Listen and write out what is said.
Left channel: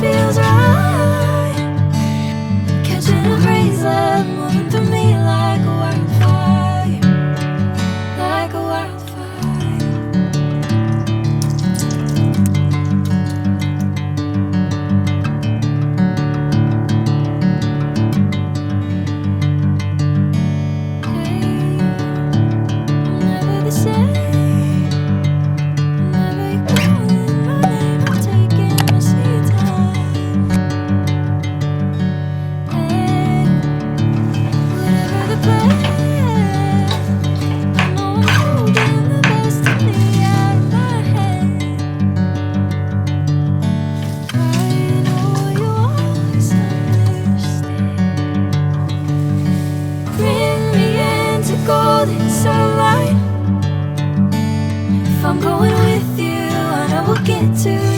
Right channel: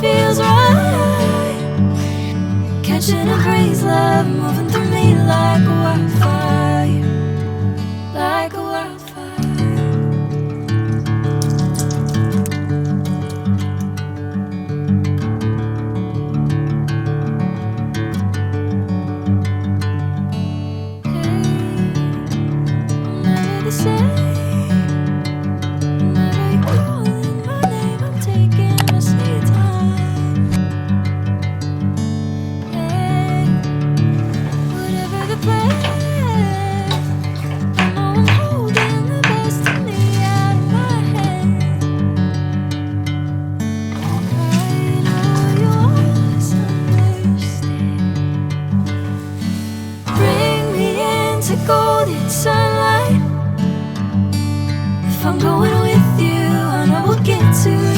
just feels right. Catching a breeze, love moving through me like a wildfire, like a wildfire. Hey, I'm never the same. Whenever you're calling my name, I'm taking my sweet time. Hey, whatever the plan, I know I'm holding the destiny out of my hand. I know you always understand. Bring me into golden sunlight. If I'm going with you, I know we'll get to